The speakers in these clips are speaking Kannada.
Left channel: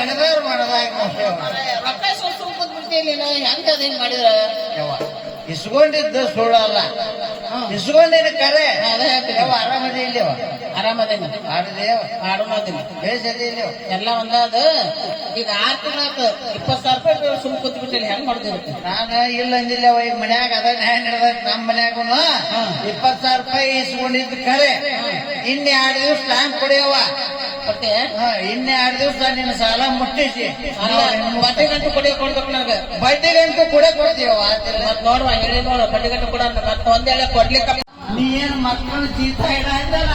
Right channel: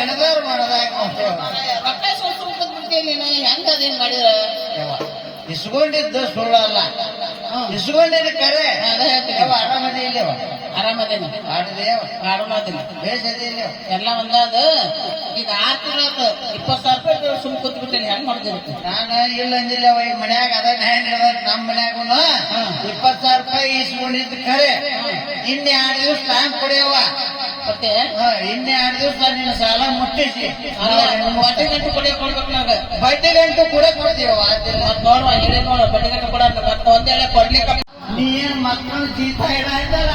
ನಡೆದವ್ರು ಮಾಡೋದಾಗ ರೊಕ್ಕ ಸುಳ್ಕೊಂಡ್ಬಿಡ್ತೀನಿ ನೀನು ಹೆಂಗ ಅದೇನ್ ಮಾಡಿದ್ರ ಇಸ್ಕೊಂಡಿದ್ದು ಸುಳ್ಳು ಅಲ್ಲ, ಇಸ್ಕೊಂಡಿದ್ದ ಕರೆ. ಆರಾಮದಿ ಇಲ್ಲ ಆರಾಮದೇನ ಆಡದೇವ ಆರಾಮದೇನ ಬೇಸದಿ ಇಲ್ಲ ಎಲ್ಲ ಒಂದಾದ. ಈಗ 6 ತಿಂಗಳ 20,000 ರೂಪಾಯಿ ಸುಮ್ ಕೂತ್ಬಿಟ್ಟೇನೆ ಹೆಂಗ್ ಮಾಡ್ತಿರುತ್ತೆ. ನಾನು ಇಲ್ಲ ಅಂದಿಲ್ಲ ಈ ಮನ್ಯಾಗ ಅದ ನ್ಯಾಯ ನಡೆದ. ನಮ್ಮ ಮನ್ಯಾಗೂ 20,000 ರೂಪಾಯಿ ಇಸ್ಕೊಂಡಿದ್ದು ಕರೆ. ಇನ್ನೆ 2 ದಿವಸ ಟೈಮ್ ಕೊಡಿಯವ. ಮತ್ತೆ ಇನ್ನೆ 2 ದಿವಸ ನಿನ್ನ ಸಾಲ ಮುಟ್ಟಿಸಿ ಬಡ್ಡಿ ಗಂಟು ಕೊಡಿಯಕ್ ಕೊಡ್ಬೇಕು ನನಗೆ. ಬಡ್ಡಿಗಂಟು ಕೂಡ ಕೊಡ್ತೀವ. ಮತ್ ನೋಡುವ ಇಲ್ಲಿ ನೋಡು ಬಡ್ಡಿ ಗಂಟು ಕೊಡ ಮತ್ತೆ ಒಂದೇಳೆ ಕೊಡ್ಲಿಕ್ಕೆ ನೀನ್ ಮಕ್ಕಳು ಜೀತ ಇಡಲ್ಲ.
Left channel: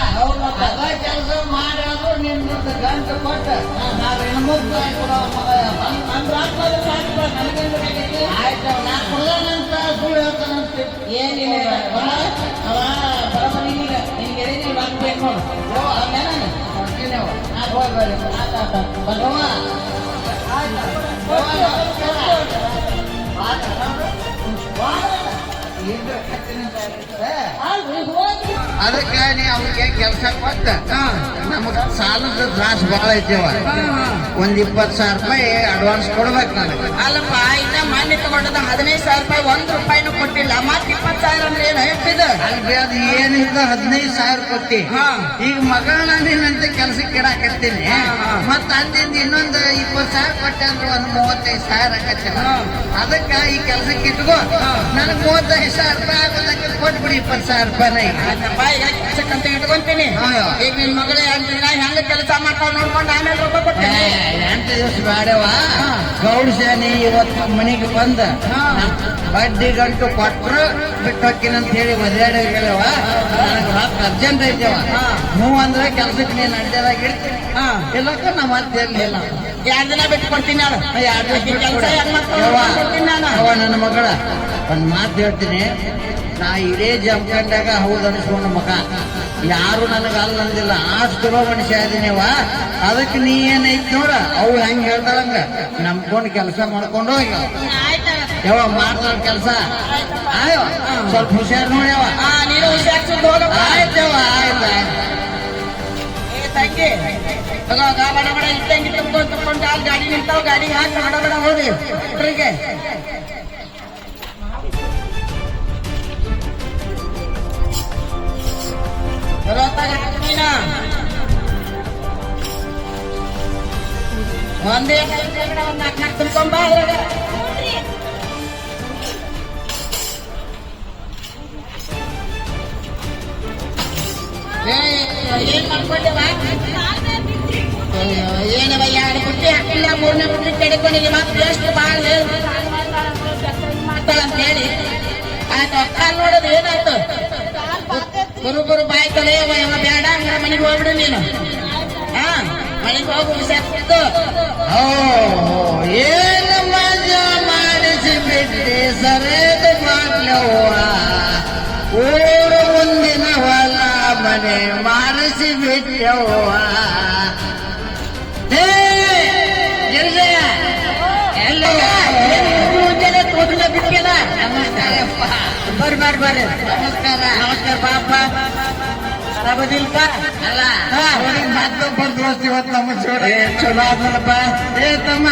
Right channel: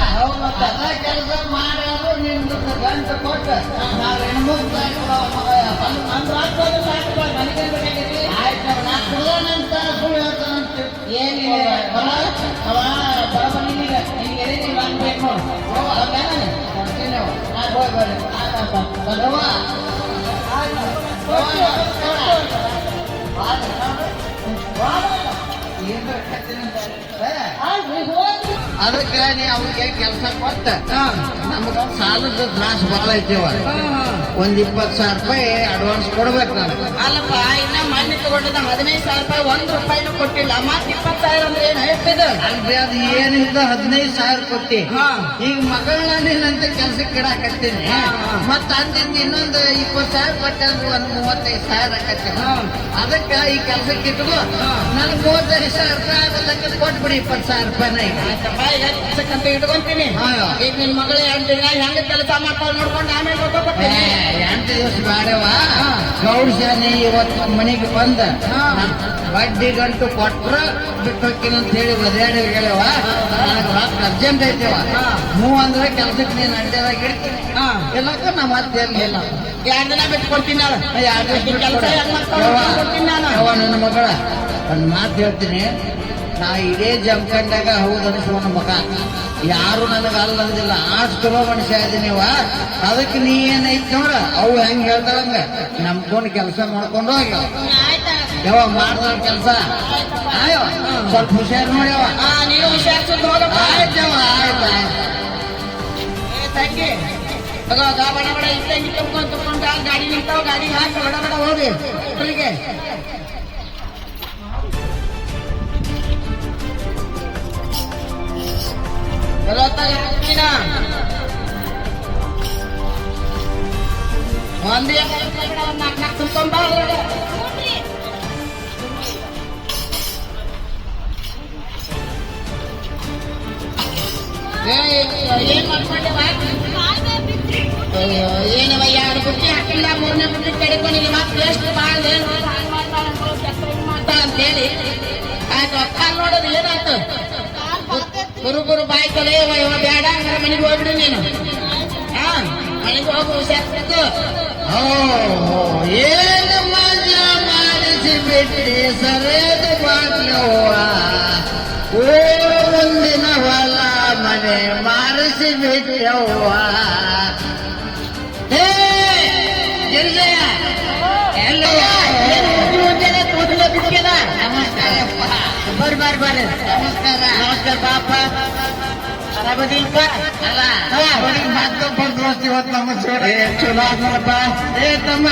ಅದ ಕೆಲಸ ಮಾಡೋದು ನಿನ್ ಗಂಟು ಕೊಟ್ಟ ನಾವ್ ಹೆಣ್ಮಕ್ಳು ಆಯ್ತು. ನಾ ಕುಡದಂತ ಸುಳ್ಳು ಹೇಳ್ತಾನಂತ ಏನಿಲ್ಲ ಅವ ಬರಬ ನಿನಗೆ ನಿನಗೆ ಬೇಕು. ಅದಕ್ಕೆ ನೀ ಅವ್ರಿಗೆ ಕೆಲಸ ಕೊಟ್ಟ ನಮಗ ಸಾಲದ ತ್ರಾಸ ಬಾಳ ಐತಿವ. 20,000 ರೂಪಾಯಿ ಅಡ್ವಾನ್ಸ್ ಕೊಡ್ಬೇಕು ನನಗೆ. ಅಲ್ಲಪ್ಪ ಇನ್ನ ಮಾನ್ಯ ತಗೊಂಡದ 15,000 ರೂಪಾಯಿ 1 ರೂಪಾಯಿನೂ ಕೊಟ್ಟಿಲ್ಲ. ಮತ್ 20,000 ಅಂದ್ರೆ ಏನ್ ಹೇಳ್ತಿದ್ರು? ಅಲ್ಲಿ ಅದು ಏನಿಲ್ಲ 15,000 ಕೊಟ್ಟಿ. ಈಗ ಮಗಳನ್ನ ನೀನಂತ ಕೆಲ್ಸಕ್ಕೆ ಇಡಾಕತ್ತೀನಿ. ಮತ್ತ ಅಂದಿಂದ ಇನ್ನೊಂದು 20,000 ಕಟ್ಟಂದ್ರೆ ಒಂದು 35,000 ಆಕತ್ತೆ. ಅದಕ್ಕೆ ಈ ಕೆಲ್ಸಕ್ಕೆ ಇಟ್ಕೋ. ನನಗೆ 35,000 ಕೊಟ್ಬಿಡಿ 20,000 ರೂಪಾಯಿ. ಅಂತ ಇಟ್ಕೊಂತೀನಿ. ಈಗ ನಿನ್ ಮಗಳೇ ಹೆಂಗ ಕೆಲಸ ಮಾಡ್ತಾ ನೋಡ್ಕೊಂಡು ಆಮೇಲೆ ರೊಕ್ಕ ಕೊಡ್ತೀನಿ. 8 ದಿವಸ ಬಾರವ ಗೌಡ್ಸೇನೆ ಇವತ್ತು ನಮ್ಮ ಮನೆಗೆ ಬಂದ ಬಡ್ಡಿ ಗಂಟು ಕೊಟ್ರ ಬಿಟ್ಟೋಕಿನಂತ ಹೇಳಿ ಬದಲಾಡಿ ಬರುವ. ನನಗೆ ರೊಕ್ಕ ಅರ್ಜೆಂಟ್ ಐತವ. ಹ್ಞೂ ಅಂದ್ರೆ ಕೆಲ್ಸಕ್ಕೆ ನೀನು ಅಡ್ಡದಾಗ ಇಡ್ತೀನಿ. ಎಲ್ಲಕ್ಕೂ ನಮ್ಮ ಮತ್ತೆ ಇಲ್ಲ. 2 ದಿನ ಬಿಟ್ಟು ಕೊಡ್ತೀನಿ ನಾನು. 2 ದಿವಸ ಕೊಡ್ತೀನಿ ನಾನು. ಅವ ನನ್ನ ಮಗಳ ಒಂದು ಮಾತು ಹೇಳ್ತೀನಿ. ನಾ ಇಡೇ ಜಮ್ಕಂಡಾಗ ಹೌದು ಅನಿಸ್ಕೊಂಡು ಮಗ ಯಾರು ನನಗೆ ಅಲ್ಲ ಅಂದಿಲ್ಲ. ಆಷ್ಟು ಚಲೋ ಮನುಷ್ಯ ಅದೀನಿವ. ಅದಕ್ಕೆ ನೀ ಏನೈತಿ ನೋಡ ಅವು ಹೆಂಗ್ ಹೇಳ್ತಾರಂಗ ನಂಬ್ಕೊಂಡು ಕೆಲಸ ಮಾಡ್ಕೊಂಡು ಹೋಗ ಯಾವ ಮಾಡ್ದ ಕೆಲಸ ಸ್ವಲ್ಪ ಹುಷಾರು ನೋಡ್ಯವ. ನೀನು ಹುಷಾರ್ಸಿದ್ದು ಆಯ್ತವ ಆಯ್ತು. ತಂಗಿ ಗಾಡಿ ಮಾಡ ಇಟ್ಟಂಗಿ ತಗೊಂಡು ಗಾಡಿ ನಿಂತಾವ. ಗಾಡಿಗೆ ಹಾಕಿ ಬಡ ಬಡ ಹೋಗಿ ಹೀಗೆ ಒಂದೇ 4 ತುಂಬ್ಕೊಂಬ. ಏನವ 2 ಬುಟ್ಟಿ ಹಾಕಿಲ್ಲ 3ನೇ ಬುಟ್ಟಿ ತೆಡ್ಕೊಂಡಿಲ್ಲ. ಮತ್ತೆ ಎಷ್ಟು ಬಾಳ ಅಂತ ಹೇಳಿ ಆಯ್ತು. ಅಕ್ಕ ನೋಡೋದು ಏನಾಯ್ತು? ಗುರು ಬಾಯ್ತಲೇ ಬೇಡ ಅಂದ್ರೆ ಮನೆಗೆ ಹೋಗ್ಬಿಡು ನೀನು. ಮನೆಗೆ ಹೋಗಿ ಹುಷಾರ್ಬಿಟ್ಟು. ಏನು ಮಜಾ ಮಾಡಿಸಿಬಿಟ್ಟೆ ಸರೇದ ಬಾಗ್ಲವ. ಏನು ಮುಂದಿನ ಹೊಲ ಮನೆ ಮಾಡಿಸಿಬಿಟ್ಟವ್ವ. ಬಿಟ್ಟಿಲ್ಲ. ನಮಸ್ಕಾರಪ್ಪ. ಬರ್ರಿ ನಮಸ್ಕಾರ. ನಮಸ್ಕಾರ ಪಾಪ. ಆರಾಮದಿಲ್ಪ? ಅಲ್ಲ ಮತ್ತೊಬ್ಬರು ದೋಸ್ತ ಇವತ್ತು ನಮ್ಮ ಜೋಡಿ ಚಲೋ ಆದ್ನಪ್ಪ. ತಮ್ಮ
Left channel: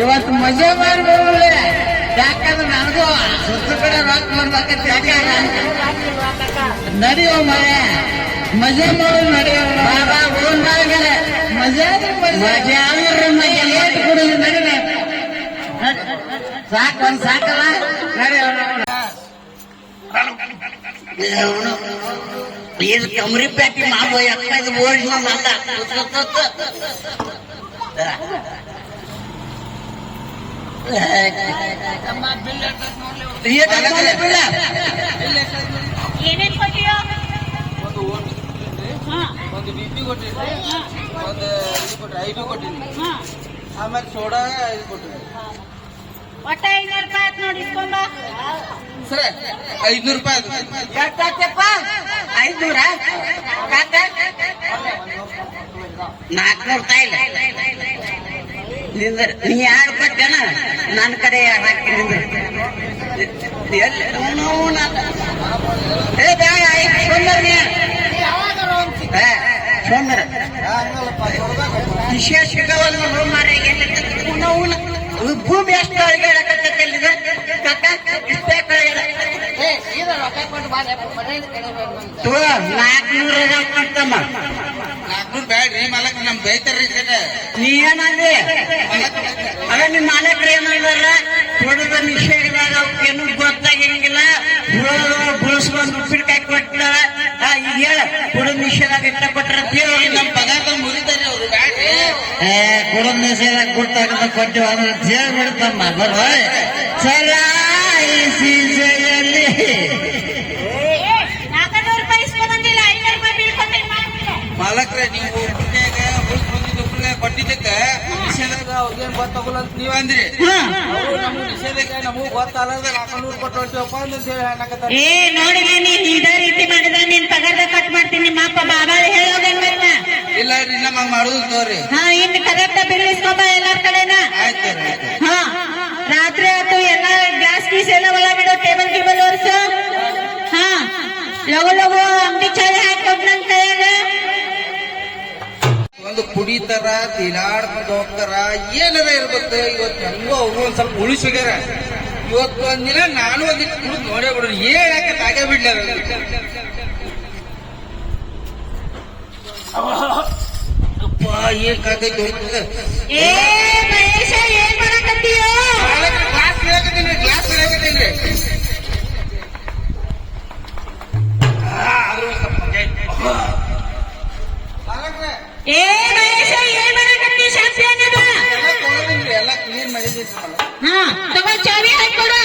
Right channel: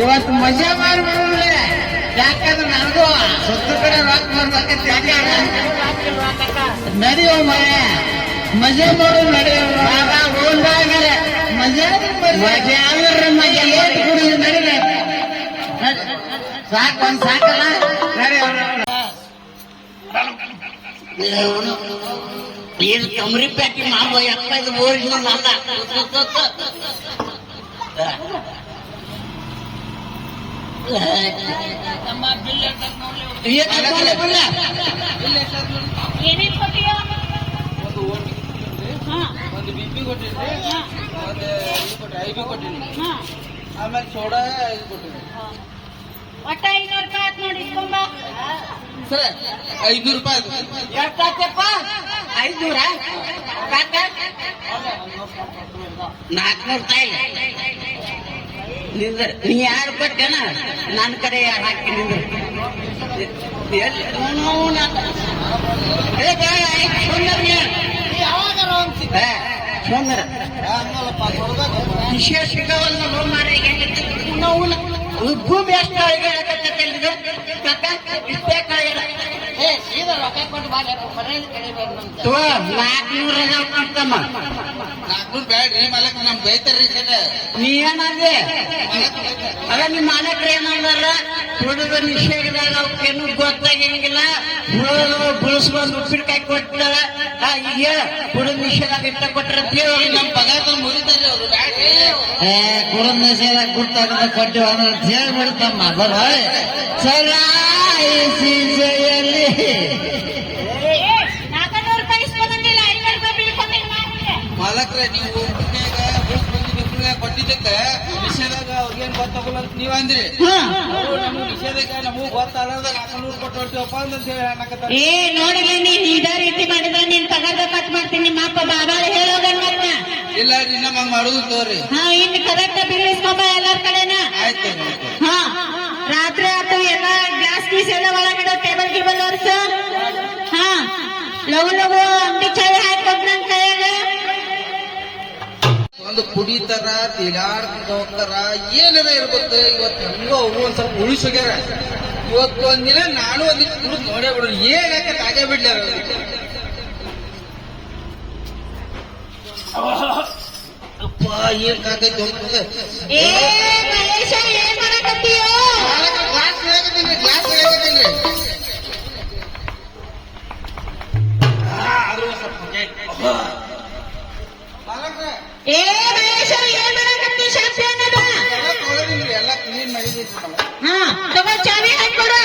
ಇವತ್ತು ಮಜಾ ಮಾಡಿ ಬರೋಲ್ಲ. ಯಾಕಂದ್ರೆ ನನಗೂ ಸುತ್ತ ಕಡೆ ರೊಕ್ಕ ಬಂದಾಕತ್ತಿ. ನಡೆಯೋ ಮಯ ಮಜಾ ಮಾಡೋ ನಡೆಯೋ ಮಜಾ ಮಜಾ ಲೇಟ್ ಕೊಡುದು ನಡೀಲಿ. ಸಾಕು ಒಂದ್ ಸಾಕಲ್ಲ ನಡೆಯೋ. ಏನು ಕಮರಿ ಪ್ಯಾಟಿ ಮಾಡುವ ಅಕ್ಕ ಇದು ಓಲ್ಡ್ ಅಲ್ಲ. ಏನೇನ್ ಕೊಟ್ಟಿಯೋ? ಒಂದು BP ಕೊಟ್ಟಿದ್ರಿ, ಒಂದು ಇದು ಕೊಟ್ರಿ IB ಕೊಟ್ಟಿನಿ, ಆಮೇಲೆ ಸೋಡಾ ಇದು ಕೊಟ್ಟಿರಿ. ಒಟ್ಟ 500 ರೂಪಾಯಿ ಆಯ್ತು ನೋಡಿ ಇಸ್ಕೊಂಡ. ಸರ್ 500 ರೂಪಾಯಿ ಎಷ್ಟಾಯ್ತಪ್ಪ? 500? 400 ರೂಪಾಯಿ ನಿಂದ್ರ. ನೀ 2 ಕೊಟ್ಟೇನ ನನ್ನ ಕಡೆ ಹಾಕಿ ನಿಂದ್ರ. ವಿಶೇಷ ಸಿಗವಲ್ಲ ಮಾರಿ. ಅವನ ಭೂಮಿ ಎಷ್ಟು ಅಳಿಗಾಡಕತ್ತಿದೆ ಇಷ್ಟೇ ಕಳಿಗಾಡ ಏ ಸೀದಾ ರೊಕ್ಕ ಕೊಟ್ಟು ಬಾ ಮನೆಯಲ್ಲಿ ಕಡಿಬೇಡ ತೋ 400 ಅಂತಮ್ಮ 400 ಬ್ಯಾಡ್ರಿ ಮಲಕ್ ನಮ್ ಬೈತಾರ್ರಿ ಕಡೆ ನೀ ಏನಂದೆ ಮಲಕ್ ಬೈತಾರ ಅದ ನಿಮ್ ಮಾಲಕ್ರು ಏನಂದಾರ ಕೊಡದ ನಿಷೇಧದಾಗ ಅವಕ್ಕೇನು ಗೊತ್ತಾಗಂಗಿಲ್ಲ ಬುಳಿಸ್ಕೊಂಡು ಉಪ್ಪಿನಕಾಯಿ ಕೊಟ್ಟಾರ ಈಗ ಕೊಡದ ನಿಷೇಧ ಇಟ್ಟ ಕೊಟ್ರ ನಮ್ ಪಗಾರ ಮುರಿತಾರ್ರಿ ಅವ್ರು ಬ್ಯಾಡ್ರಿ ಕೊಡದ ನಿಷೇಧ ಕೊಡ್ತಾರ ಕೊಟ್ಟು ಅಂತ ಹೇಳ್ಬಿಡ್ತಮ್ಮ ಸದಾಯಿಸಿಯಲ್ಲಿ 400 ರೂಪಾಯಿ ಇಸ್ಕೊಂಬಂದಿಲ್ಲ 500 ರೂಪಾಯಿ ಬಿಲ್ ಕೊಟ್ಟೆ ಮಾಡ್ತೀನಿ ಮಾಲಕ್ರೆ ನೀವು ಉಪ್ಪಿನಕಾಯಿ ಕೊಟ್ಟಿದ್ದಕ್ಕೆ ನಿಷೇಧಾಗ ಅವ್ರಿಗೇನ್ ಗೊತ್ತಾಗಲ್ಲ ಅಂತ ನೀವ್ ಅಂದ್ರಿ ಅವ್ರು ನಮಗ್ ನಿಷೇಧಕ್ಕೆ ನಮಗ್ ಗೊತ್ತಾಗಲ್ಲ 400 ಕೊಟ್ಟು ಹೊಡ್ತೀವಪ್ಪ ಅಂತ ಹೇಳಿ ಅನ್ನಕತ್ತಾರ ಏ ನೋಡಿದ್ರೆ ನೀನ್ ಇದೇ ರೀತಿ ಮಾಡಿದ್ರೆ ನೀನ್ ಪಗಾರ ಕಟ್ ಮಾಡ್ತೀನಿ ನಿಮ್ಮ ಅಪ್ಪ ಬಾಬಾ ಹೇಳೋದಂಗ ಇಲ್ಲ ರೀ ನಮ್ಮ ಹಂಗ ಮಾಡುದು ತೋರಿ ಹಾ ಇನ್ನು ಕರೆಕ್ಟ್ ಬಿಲ್ ಇಸ್ಕೊಂಬ ಎಲ್ಲರ ಕಡೆನ ಆಯ್ತು ಹಾ ರಾತ್ರಿ ಆಯ್ತು ಎಲ್ಲ ಗ್ಯಾಸ್ ಪೀಸ್ ಎಲ್ಲ ಒಳಗಡೆ ಟೇಬಲ್ ಗಿಬಲ್ ಒರೆಸು ಹಾ ಲಗು ಲಗು ಅಂಗಡಿ ಚಾಯ್ ಹಾಕೊಟ್ ನನ್ ಕೈಯಾಗ ಒಂದು ಕುಡಿತಾರ ತಿಲಾಡ್ಕೊಂಡು ಹೋಗ್ತಾರ ಏನಾರ ಇರ್ಬೇಕು ಇವತ್ತು ಹೆಂಗೋ ಅವ್ರು ಒಂದ್ ಸ್ವಲ್ಪ ಉಳಿಸಿದಾರ ಇವತ್ತು ಒಂದಿನ ನಾನು ಒಂದಿಟ್ಟು ಕುಡಿದು ನೋಡೇ ಬಿಡ್ರಿ ಏನಕ್ಕೆ ತಾಗ ಬಿಡ್ಲಾರ ಅಪ್ಪ ಏನ್ ಕಾಕೈತಿ ಹೋಗ್ತದೆ ಏ ಮಹೇಶ ಏನ್ ಮಾಡಕತ್ತೀಯೋ ಗ್ಲಾಸ್ ಹೇಳಕತ್ತೀನಿ ಗ್ಲಾಸ್ ಹೇಳಕತ್ತೀನಿ ಏ ಮಹೇಶ ಏನ್ ಮಾಡಕತ್ತಿ ಶಾಂತಿ ಅನ್ನದ ಎಲ್ಲ ತೊಳೆದಿನ್ರಿ ಎಲ್ಲ ಕ್ಲೀನ್ ಮಾಡಿದ್ರಿ ಹಾ ತಗೋ ಚಾವಿ ಹಾಕೊಡು